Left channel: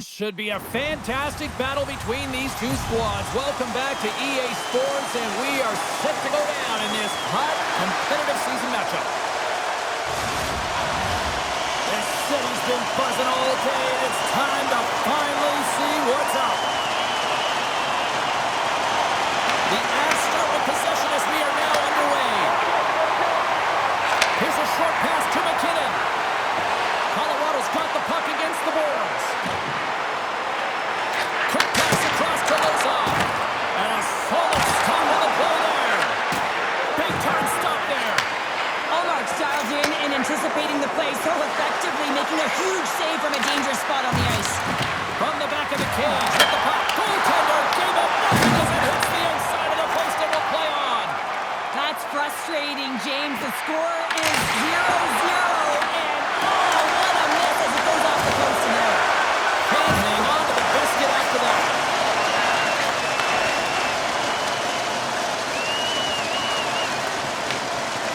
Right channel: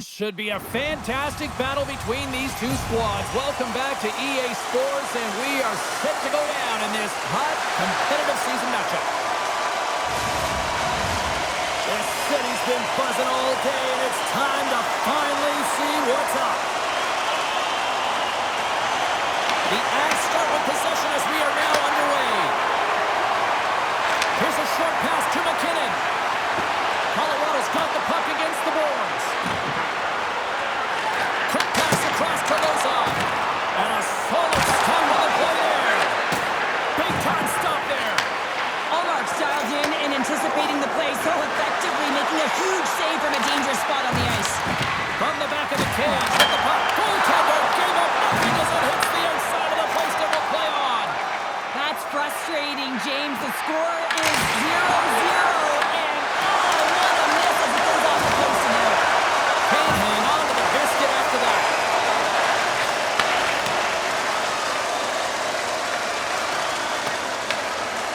Should be a fantastic battle between these two squads. Welcome back to EA Sports, and we are set to go down in this hot, competitive season matchup. This city's been buzzing all day, and it's time to finally see what's up. The Avs start with possession as we are now underway. Here's a short pass to McKinnon. Colorado's got the puck against the boards. Quick pass across to Lisää. And a solid stop on the play there. Big time stop there. Allmark's dialed in and anticipating the play so effectively, making a huge save from a dangerous spot on the ice. From the back of the cage with the puck. Goaltender gave up nothing as it hits the outside of the post and will play on. That's frustrating, James. The score is 0-0, and oh, what a miss as it goes off the post and out. Can't hang on to the biscuit after that.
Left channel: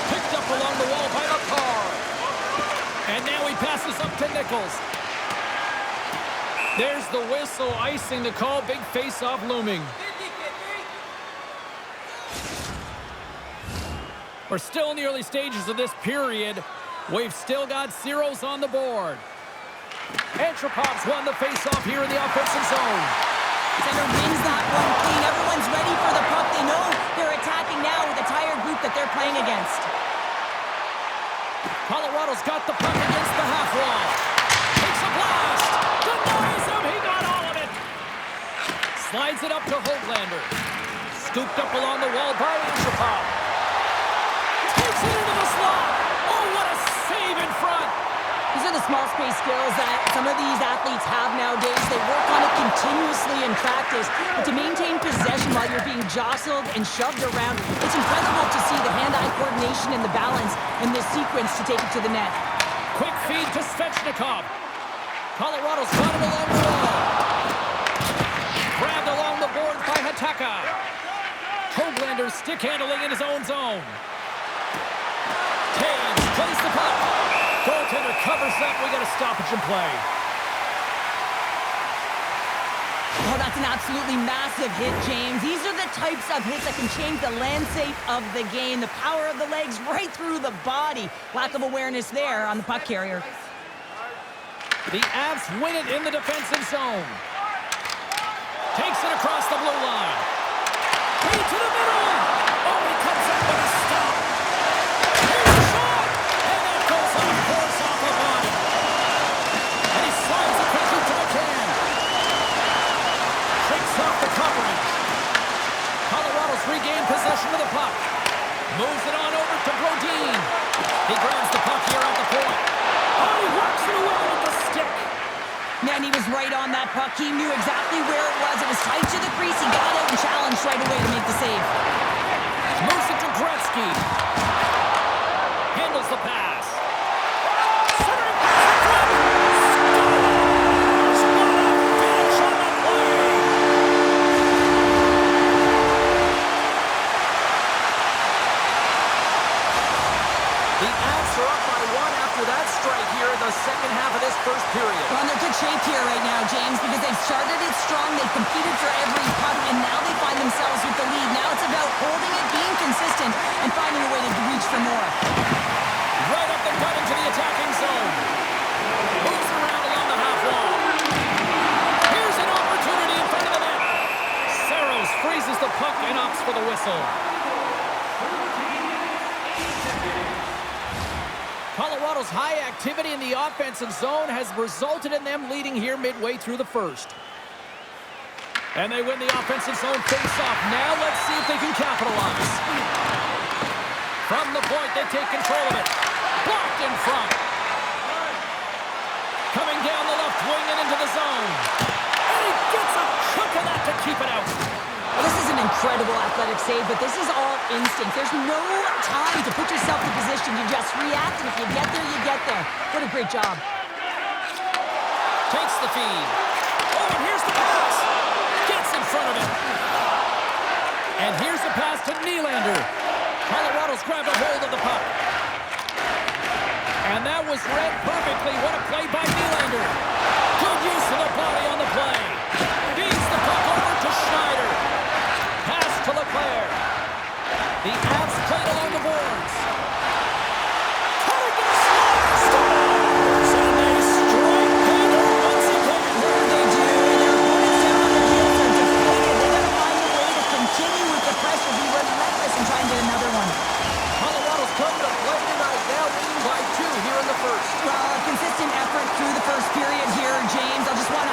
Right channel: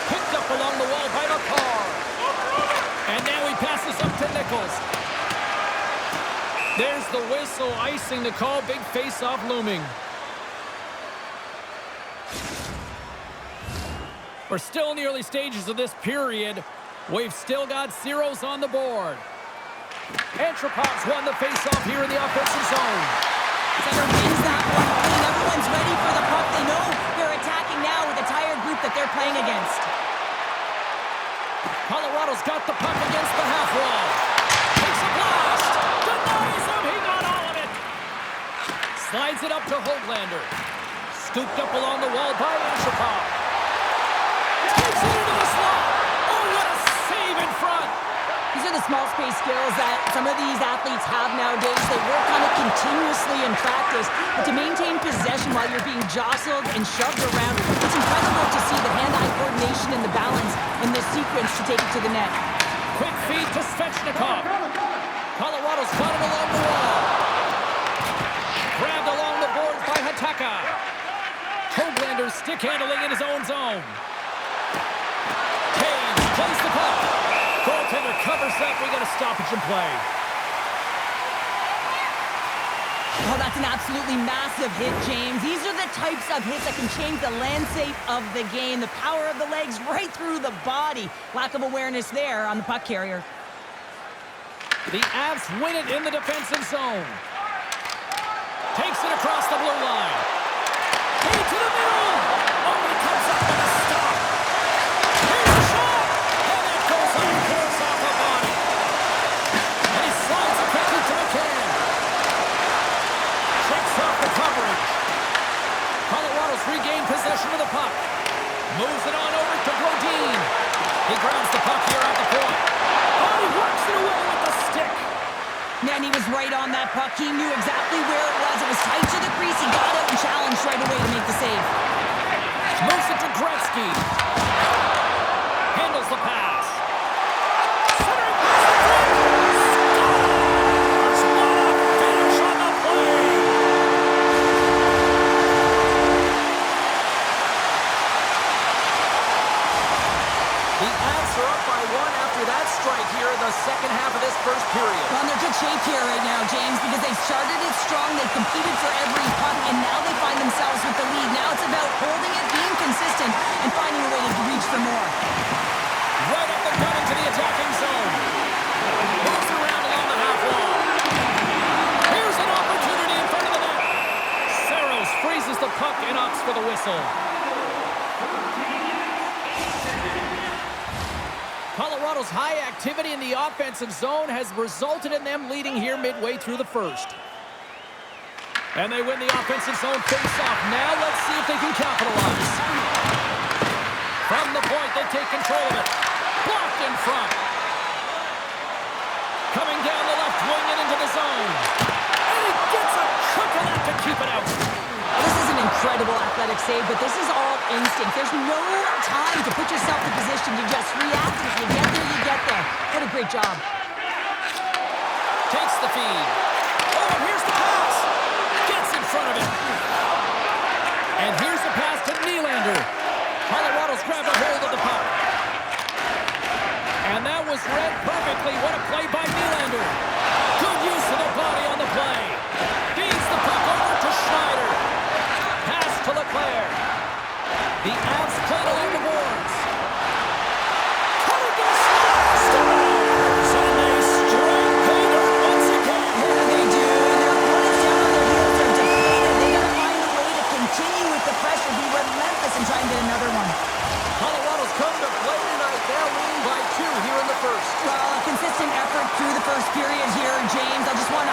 Picked up along the wall by McCarr. And now he passes up to Nichols. There's the whistle, icing the call. Big face-off looming. We're still in the early stages of this period. We've still got zeros on the board. Antropov's won the face-off here in the offensive zone. Center wins that one clean. Everyone's ready for the puck. They know they're attacking now with a tired group that they're playing against. Colorado's got the puck against the half wall. Takes a blast. Denies him. He got all of it. Slides it up to Hoglander. Scooped up along the wall by Antropov. Takes it into the slot. Oh, what a save in front. These are the small space skills that some of these athletes have nowadays. They work on it continuously in practice, but to maintain possession while you're being jostled and shoved around, it's incredible to see the hand-eye coordination and the balance in this sequence to take it to the net. Quick feed to Svechnikov. Colorado's got it along the wall. Grabbed along the boards by Hataka. Hoglander stick handling in his own zone. Taves plays the puck. Goaltender covers up. We got a stoppage in play. Oh, that's an absolutely massive hit, James. These are the types of hits that can change the landscape of the game. The power of the legs right through the body. Lack of awareness there on the puck carrier. The Avs win it in the defensive zone. Takes it across the blue line. Key to the middle. Oh, he comes up with a stop. Here's a shot. And that goes on course off a body. And he slides it quickly to McCann. Shakes off the coverage. Colorado's regained possession of the puck. Moves it on over to Brodin. He grabs the puck here at the point. Oh, he works it away with the stick. Man, he was right on that puck. He knew exactly where it was. It was tight to the crease. He got out and challenged right away to make the save. Moves it to Gretzky. Handles the pass. Centering pass in front. Scores! What a finish on the play! The Avs are up by one after that strike here in the second half of this first period. Well, they're good shape here right now, James, because they've started it strong. They've competed for every puck, and now they find themselves with the lead. Now it's about holding it, being consistent, and finding a way to reach for more. Right up the gut into the attacking zone. Moves around along the half wall. Here's an opportunity in front of the net. Saros freezes the puck and opts for the whistle. Colorado's high activity in the offensive zone has resulted in them leading here midway through the first. And they win the offensive zone face-off. Now let's see if they can capitalize. From the point, they take control of it. Blocked in front. Coming down the left wing and into the zone. And he gets a chunk of that to keep it out. Well, this is an incredible athletic save, but this is all instinct. There's no time to put yourself in position. You just react, and if you get there, you get there. What a great job. Takes the feed. Oh, and here's the pass. Gets in front of it. And here's the pass to Nylander. Colorado's grabbed a hold of the puck. And that was read perfectly. What a play by Nylander. Good use of the body on the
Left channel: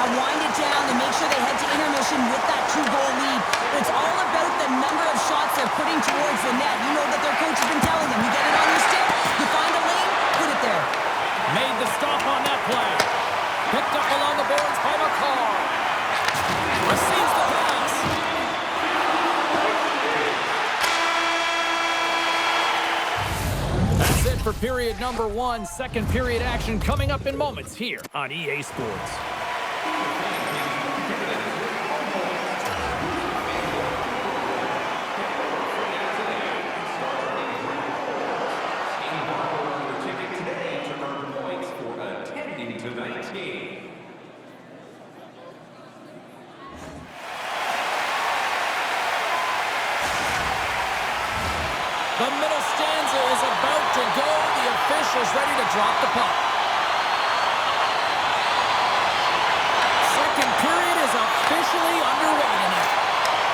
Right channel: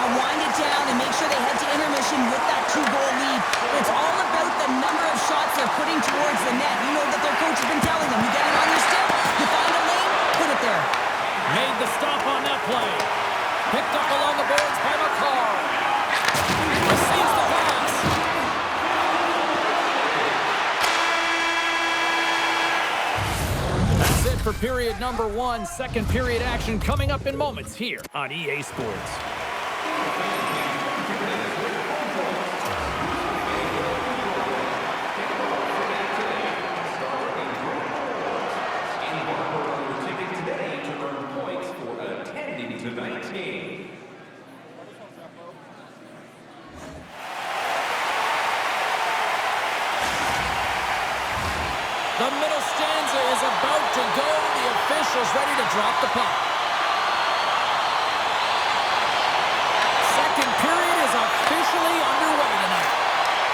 Now wind it down and make sure they head to intermission with that 2-goal lead. But it's all about the number of shots they're putting towards the net. You know that their coach has been telling them, you get it on your stick, you find a lane, put it there. Made the stop on that play. Picked up along the boards by McCarr. Receives the pass. That's it for period number 1. Second period action coming up in moments here on EA Sports. Tonight's game. The middle stanza is about to go. The officials ready to drop the puck. Second period is officially underway tonight.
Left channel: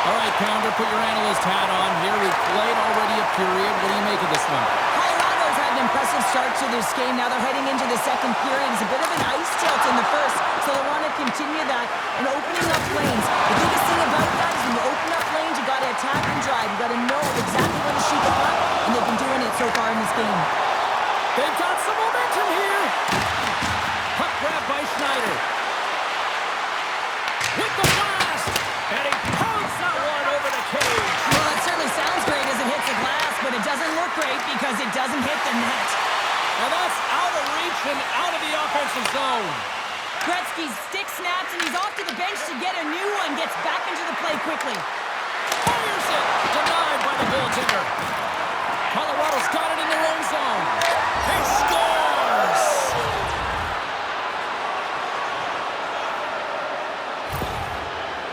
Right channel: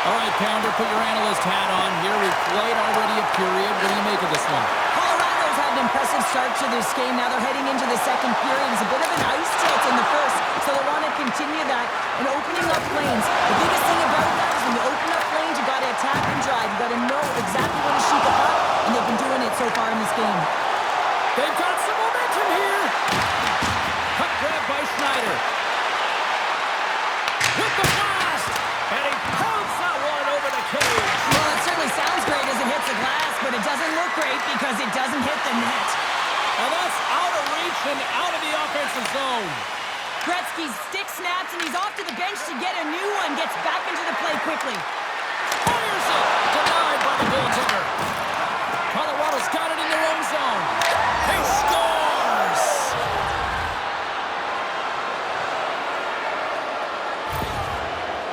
All right, Pounder, put your analyst hat on here. We've played already a period. What do you make of this one? Colorado's had an impressive start to this game. Now they're heading into the second period. It's a bit of an ice tilt in the first, so they want to continue that and opening up lanes. The biggest thing about that is when you open up lanes, you got to attack and drive. You got to know exactly when to shoot the puck, and they've been doing it so far in this game. They've got some momentum here. Puck grab by Schneider. With the blast, and he pounds that one over the cage. Well, it certainly sounds great as it hits the glass, but it doesn't look great because it doesn't hit the net. And that's out of reach and out of the offensive zone. Gretzky's stick snaps, and he's off to the bench to get a new one. Gets back into the play quickly. Fires it. Denied by the goaltender. Colorado's got it in their own zone. He scores!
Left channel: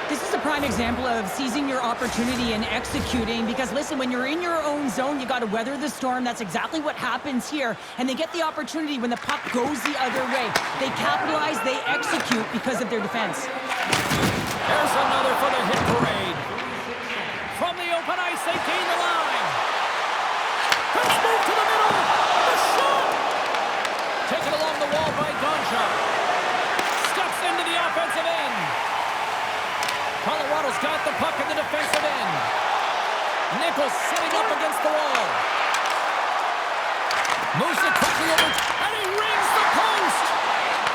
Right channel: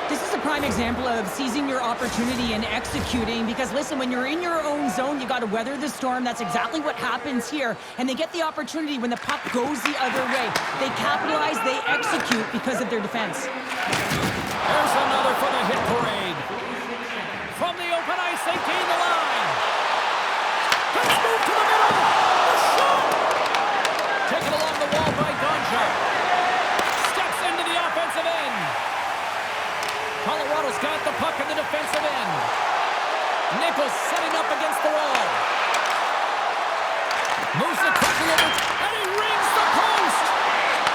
This is a prime example of seizing your opportunity and executing because, listen, when you're in your own zone, you got to weather the storm. That's exactly what happens here. And they get the opportunity when the puck goes the other way. They capitalize, they execute because of their defense. There's another for the hit parade. From the open ice, they gain the line. Let's move to the middle. The shot! Taken along the wall by Gonchar. Steps into the offensive end. Colorado's got the puck in the defensive end. Nichols setting up against the wall. Moves it quickly over, and he rings the post!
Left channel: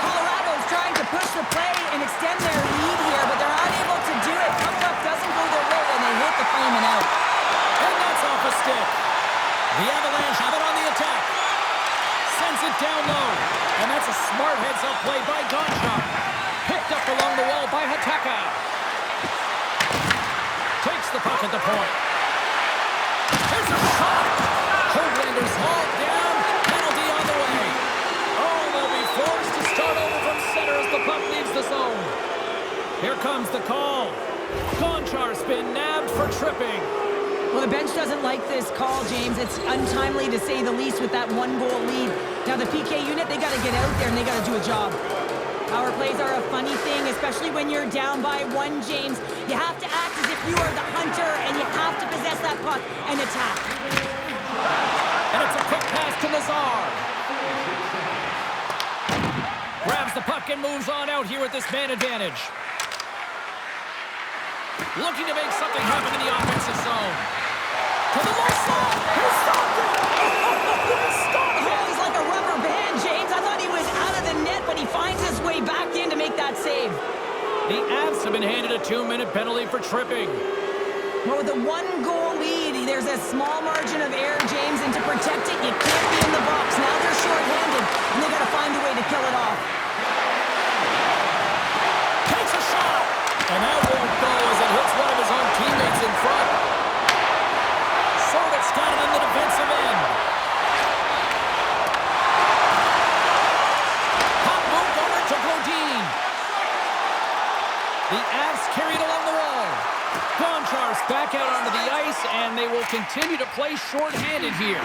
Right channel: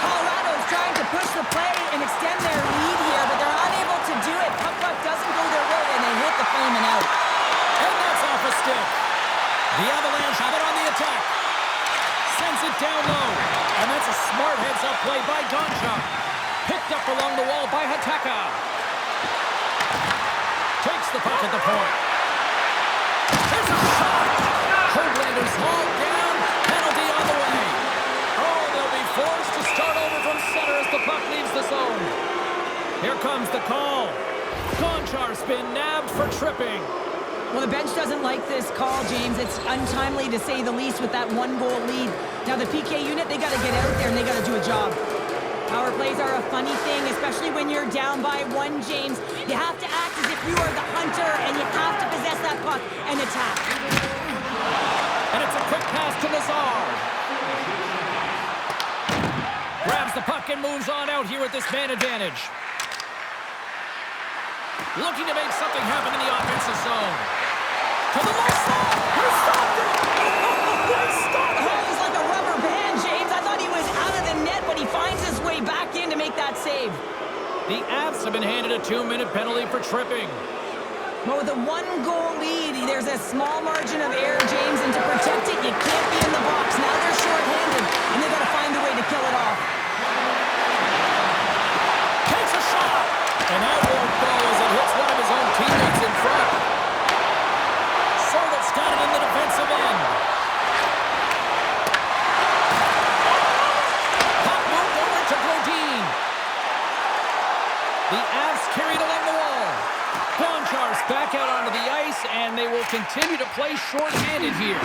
Colorado's trying to push the play and extend their lead here, but they're unable to do it. Puck doesn't go their way, and they hit the frame and out. And that's off a stick. The Avalanche have it on the attack. Sends it down low. And that's a smart heads-up play by Gonchar. Picked up along the wall by Hataka. Takes the puck at the point. There's a shot. Hoaglander's hauled down. Penalty on the way. Oh, they'll be forced to start over from center as the puck leaves the zone. Here comes the call. Gonchar's been nabbed for tripping. Well, the bench doesn't like this call, James. It's untimely to say the least with that 1-goal lead. Now, the PK unit, they got to get out there and they got to do a job. Power plays are a funny thing, especially when you're down by 1, James. You have to act as if you are the hunter, and you have to possess that puck and attack. And it's a quick pass to Lazar. Grabs the puck and moves on out here with this man advantage. Looking to make something happen in the offensive zone. To the low slot. He stopped it. He stopped it. Oh, he's like a rubber band, James. I thought he was out of the net, but he finds his way back in to make that save. The Avs have been handed a 2-minute penalty for tripping. Well, with a 1-goal lead, there's a small margin of error, James, and to protect it, you can't be in the box. Now they're shorthanded, and they got to find a way to kill it off. Takes a shot, and that won't go as it hits one of his own teammates in front. Sorgat's got it in the defensive end. Puck moved over to Brodin. The Avs carried along the wall. Gonchar's back out onto the ice, and they will continue to play short-handed here.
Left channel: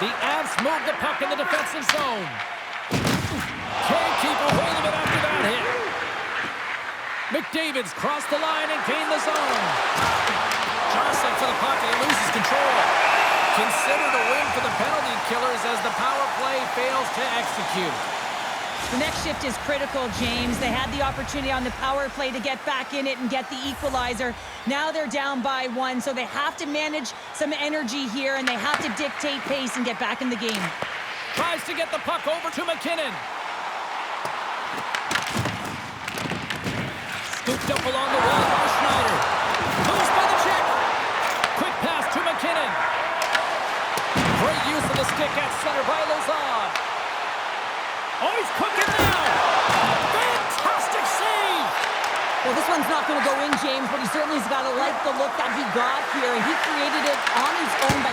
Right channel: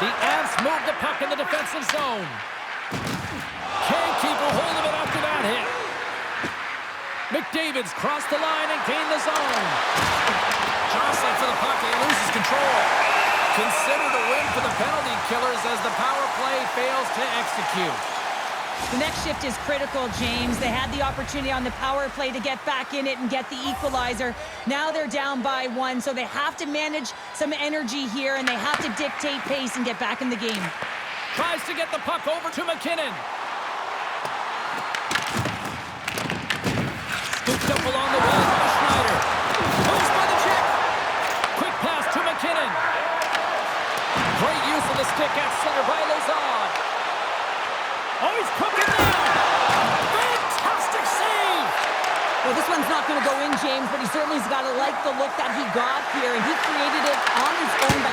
The Avs move the puck in the defensive zone. Can't keep a hold of it after that hit. McDavid's crossed the line and gained the zone. Jostling for the puck, and he loses control. Considered a win for the penalty killers as the power play fails to execute. The next shift is critical, James. They had the opportunity on the power play to get back in it and get the equalizer. Now they're down by 1, so they have to manage some energy here, and they have to dictate pace and get back in the game. Tries to get the puck over to McKinnon. Scooped up along the wall by Schneider. Moves by the check. Quick pass to McKinnon. Great use of the stick at center by Lisää. Oh, he's cooking now. Fantastic save. Well, this one's not going to go in, James, but he certainly has got to like the look that he got here, and he created it on his own by...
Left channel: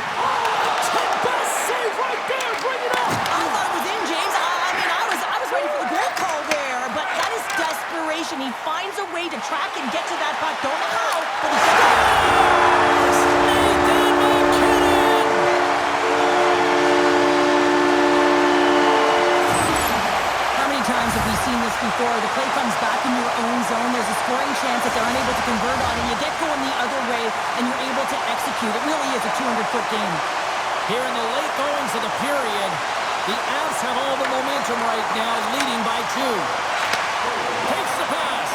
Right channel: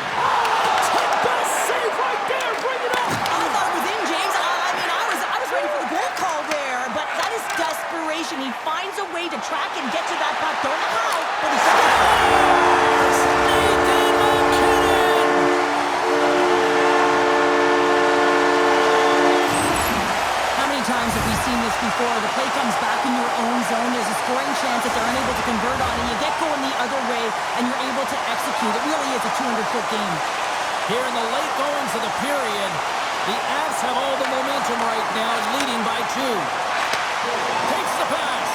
Best save right there. Bring it up. I thought it was in, James. I was ready for the goal call there, but that is desperation. He finds a way to track and get to that puck. Don't know how, but he Scores! Nathan McKinnon! How many times have we seen this before? The play comes back in your own zone. There's a scoring chance that they're unable to convert on it. You get going the other way, and you're able to execute. It really is a 200-foot game. Here in the late goings of the period, the Avs have all the momentum right now, leading by 2. Takes the pass.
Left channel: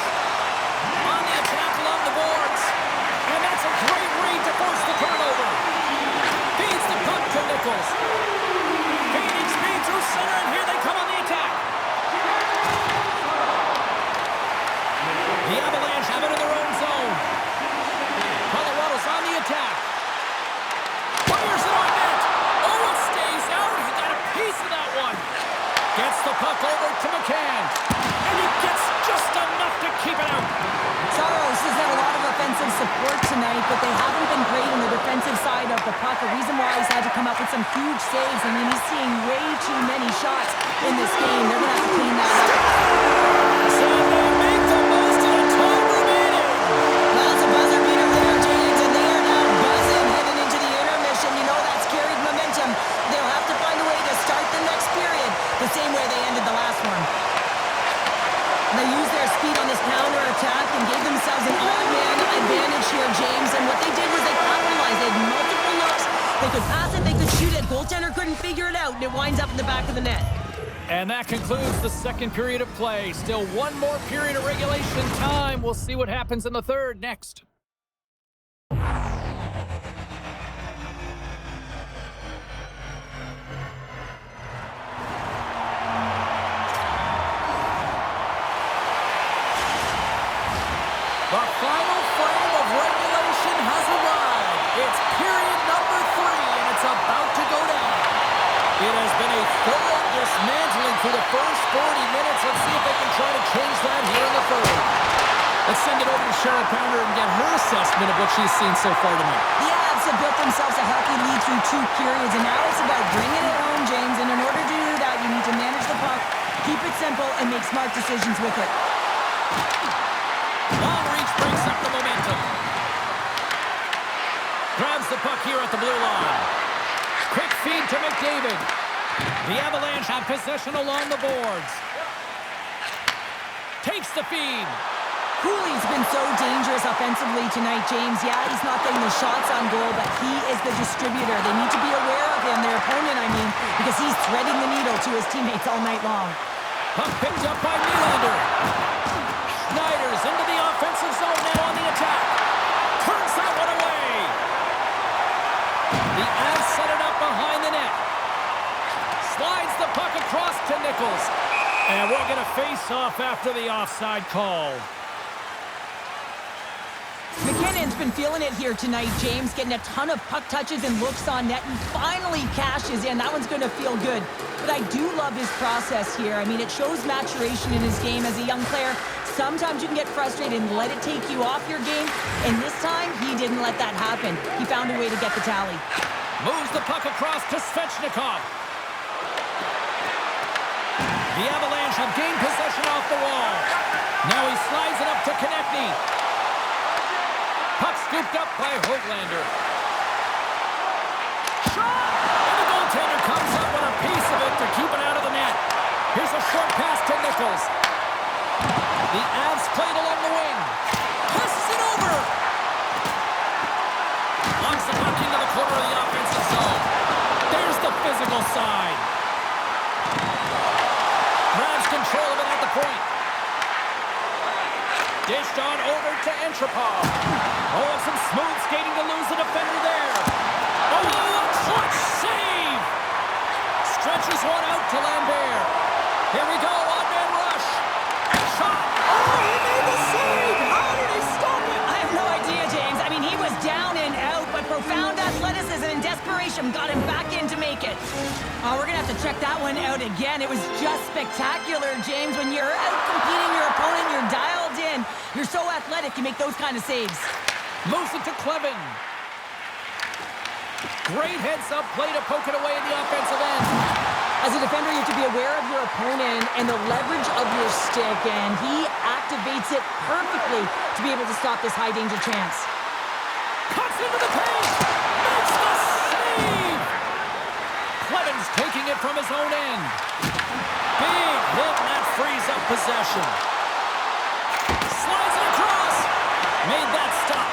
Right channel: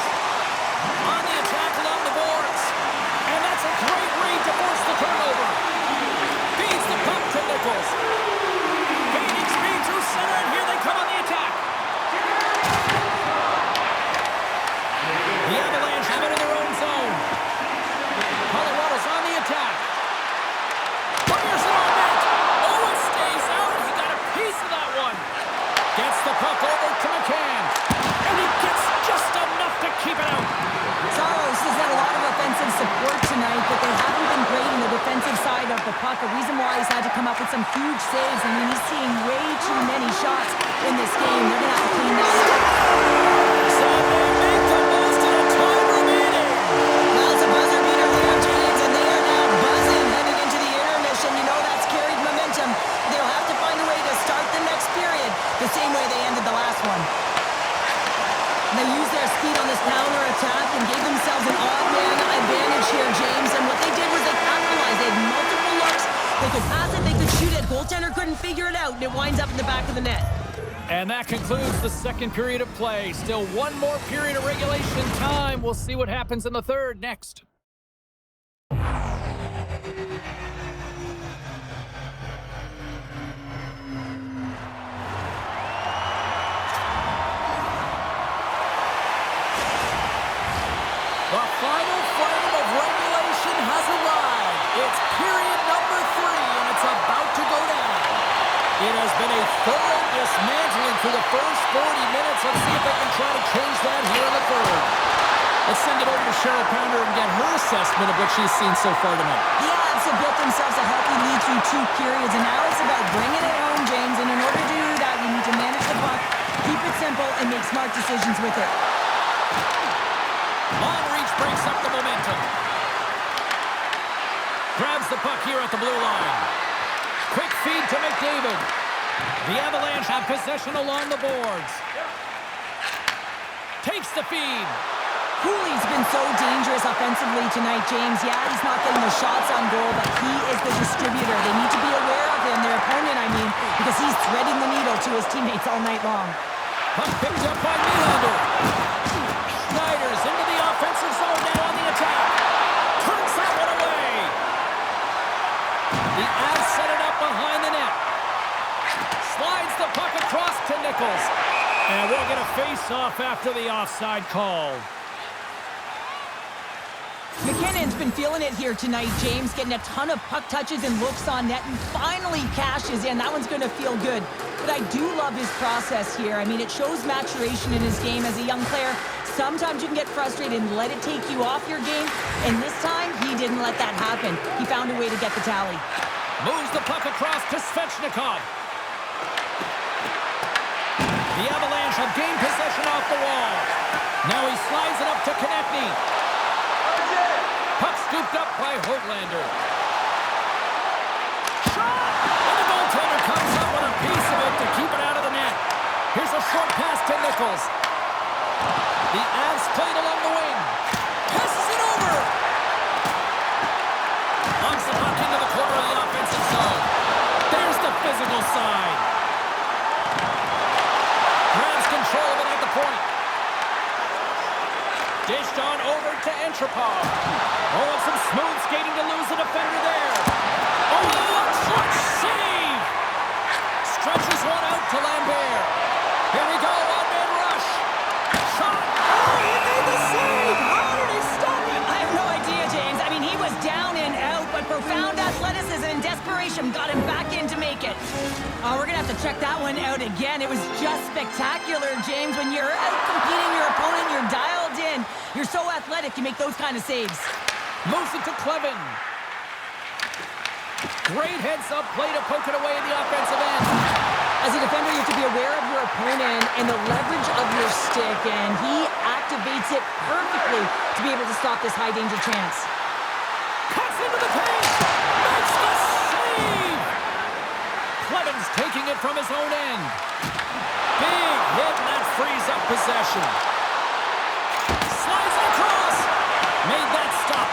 On the attack along the boards. And that's a great read to force the turnover. Feeds the puck to Nichols. Gaining speed through center, and here they come on the attack. The Avalanche have it in their own zone. Colorado's on the attack. Fires it on net. Oh, it stays out. He got a piece of that one. Gets the puck over to McCann. And he gets just enough to keep it out. Saros has had a lot of offensive support tonight, but they haven't been great on the defensive side of the puck. A reason why he's had to come up with some huge saves. I mean, he's seeing way too many shots in this game. They're going to have to clean that up. So they make the most of the time remaining. Well, it's a buzzer beater there, James, and they are now buzzing headed into the intermission. You know that's carried momentum. They'll have to find a way to start the next period the same way they ended the last one. They used their speed on this counter-attack and gave themselves an odd-man advantage here, James. And what they did was they capitalized. They had multiple looks. They could pass it, they could shoot it. Goaltender couldn't figure it out, and it winds up in the back of the net. And that concludes the second period of play. Still one more period of regulation time. We'll see what happens in the third next. The final frame of regulation has arrived. It's period number 3, and it's about to go down. It has been a thorough dismantling through the first 40 minutes. Let's see if they can try to change that here in the third. Let's send it over to Cheryl Pounder and get her assessment of what she's seen so far tonight. The Avs have built themselves a healthy lead through 2 periods, and now it's about bringing it home, James. And in order to do that, you need to manage the puck, keep it simple, and make smart decisions with it. Long reach breaks up the momentum. Grabs the puck here at the blue line. Quick feed to McDavid. The Avalanche have possession along the boards. Takes the feed. Cooley's been so dangerous offensively tonight, James. Yeah, he's not getting the shots on goal, but he is the distributor. They need to be aware of him, their opponent, I mean, because he's threading the needle to his teammates all night long. Puck picked up by Nylander. Schneider's into the offensive zone now on the attack. Turns that one away. The Avs set it up behind the net. Slides the puck across to Nichols. And we'll get a face-off after the offside call. McKinnon's been feeling it here tonight, James, getting a ton of puck touches and looks on net, and finally cashes in. That one's going to feel good. But I do love his process here. I mean, it shows maturation in his game as a young player. Sometimes you can get frustrated and let it take you off your game, and this time, he didn't let that happen. He found a way to get the tally. Moves the puck across to Svechnikov. The Avalanche have gained possession off the wall. Now he slides it up to Konechny. Puck scooped up by Höglander. Shot! And the goaltender comes up with a piece of it to keep it out of the net. Here's a short pass to Nichols. The Avs played along the wing. Passes it over. Lungs the puck into the corner of the offensive zone. There's the physical side. Grabs control of it at the point. Dished on over to Entropov. Oh, and some smooth skating to lose the defender there. Oh, a clutch save! Stretches one out to Lambert. Here we go, one-man rush. Shot. Oh, he made the save! How did he stop it? I have no idea, James. I mean, he was down and out, but profound athleticism and desperation got him back in to make it. Oh, we're going to have to check that one out again. It was just spectacular, James. When you're out competing your opponent, you're dialed in. You're so athletic, you make those kind of saves. Moves it to Clevin. Great heads-up play to poke it away in the offensive end. As a defender, you have to be aware of your opponent and the leverage of your stick, and he activates it perfectly to be able to stop this high-danger chance. Cuts into the paint! Makes the save! Clevin's taking it from his own end. Big hit, and that frees up possession. Slides it across. Made that stop.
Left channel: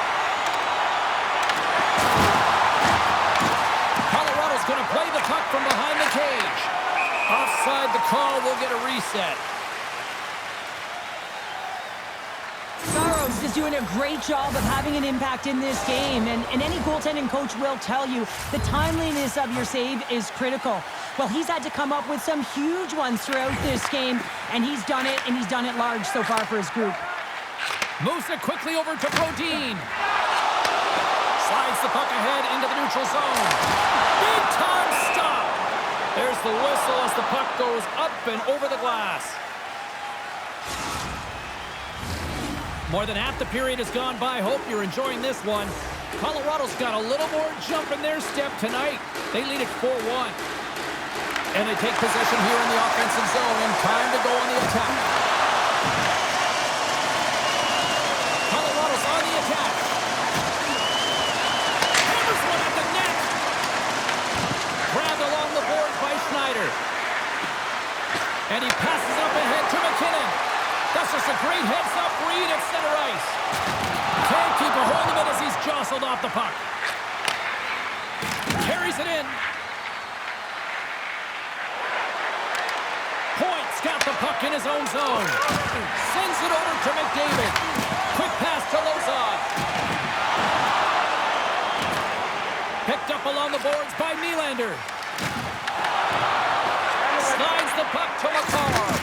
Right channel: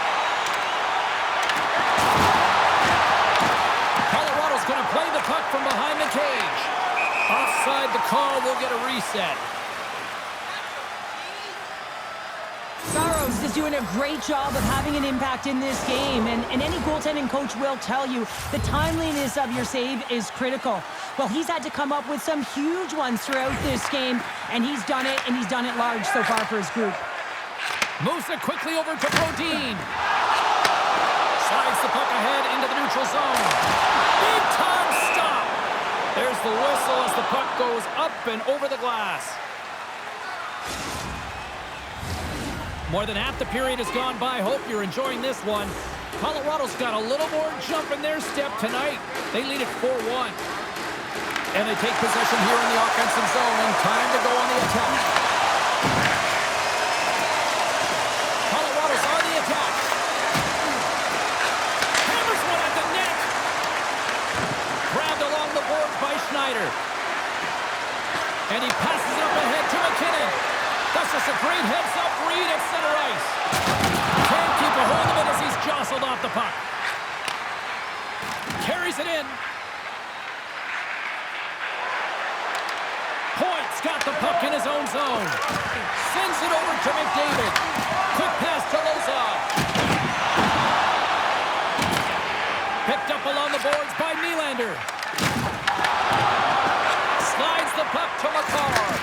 Colorado's going to play the puck from behind the cage. Offside the call, will get a reset. Saros is doing a great job of having an impact in this game, and any goaltending coach will tell you the timeliness of your save is critical. Well, he's had to come up with some huge ones throughout this game, and he's done it large so far for his group. Moves it quickly over to Brodin. Slides the puck ahead into the neutral zone. Big time stop. There's the whistle as the puck goes up and over the glass. More than half the period has gone by. Hope you're enjoying this one. Colorado's got a little more jump in their step tonight. They lead it 4-1. And they take possession here in the offensive zone, and time to go on the attack. Colorado's on the attack. Hammers one at the net. Grabbed along the boards by Schneider. And he passes it up ahead to McKinnon. That's just a great heads-up read at center ice. Can't keep a hold of it as he's jostled off the puck. Carries it in. Point's got the puck in his own zone. Sends it over to McDavid. Quick pass to Lozon. Picked up along the boards by Nylander. Slides the puck to Makar.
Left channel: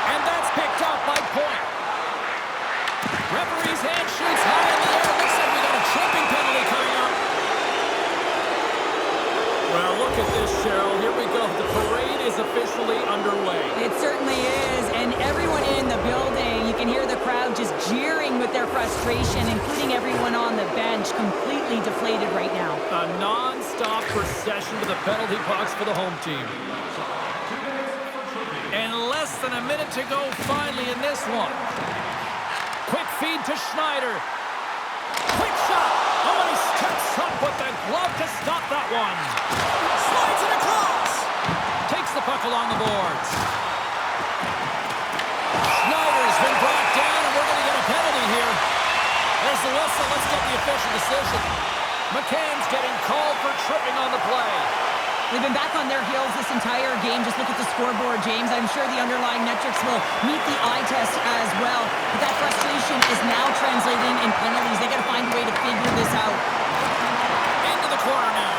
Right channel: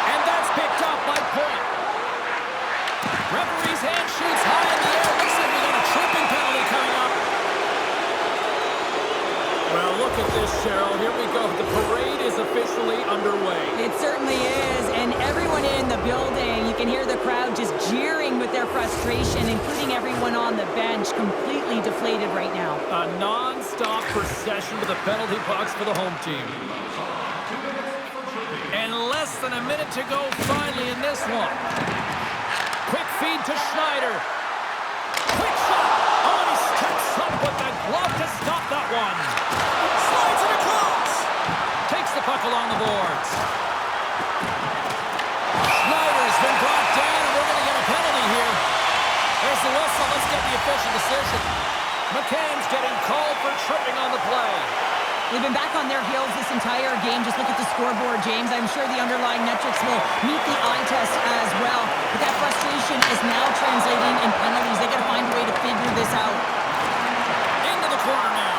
And that's picked up by Point. Referee's hand shoots high in the air. Looks like we got a tripping penalty coming up. Well, look at this, Cheryl. Here we go. The parade is officially underway. It certainly is, and everyone in the building, you can hear the crowd just jeering with their frustration, including everyone on the bench, completely deflated right now. A non-stop procession with the penalty box for the home team. And less than a minute to go finally in this one. Quick feed to Schneider. Quick shot. Oh, and he steps up with the glove to stop that one. Slides it across. Takes the puck along the boards. Schneider's been brought down, and we're going to get a penalty here. There's the whistle. Let's get the official decision. McCann's getting called for tripping on the play. They've been back on their heels this entire game. Just look at the scoreboard, James. I'm sure the underlying metrics will meet the eye test as well. But that frustration is now translating in penalties. They got to find a way to figure this out. Into the corner now.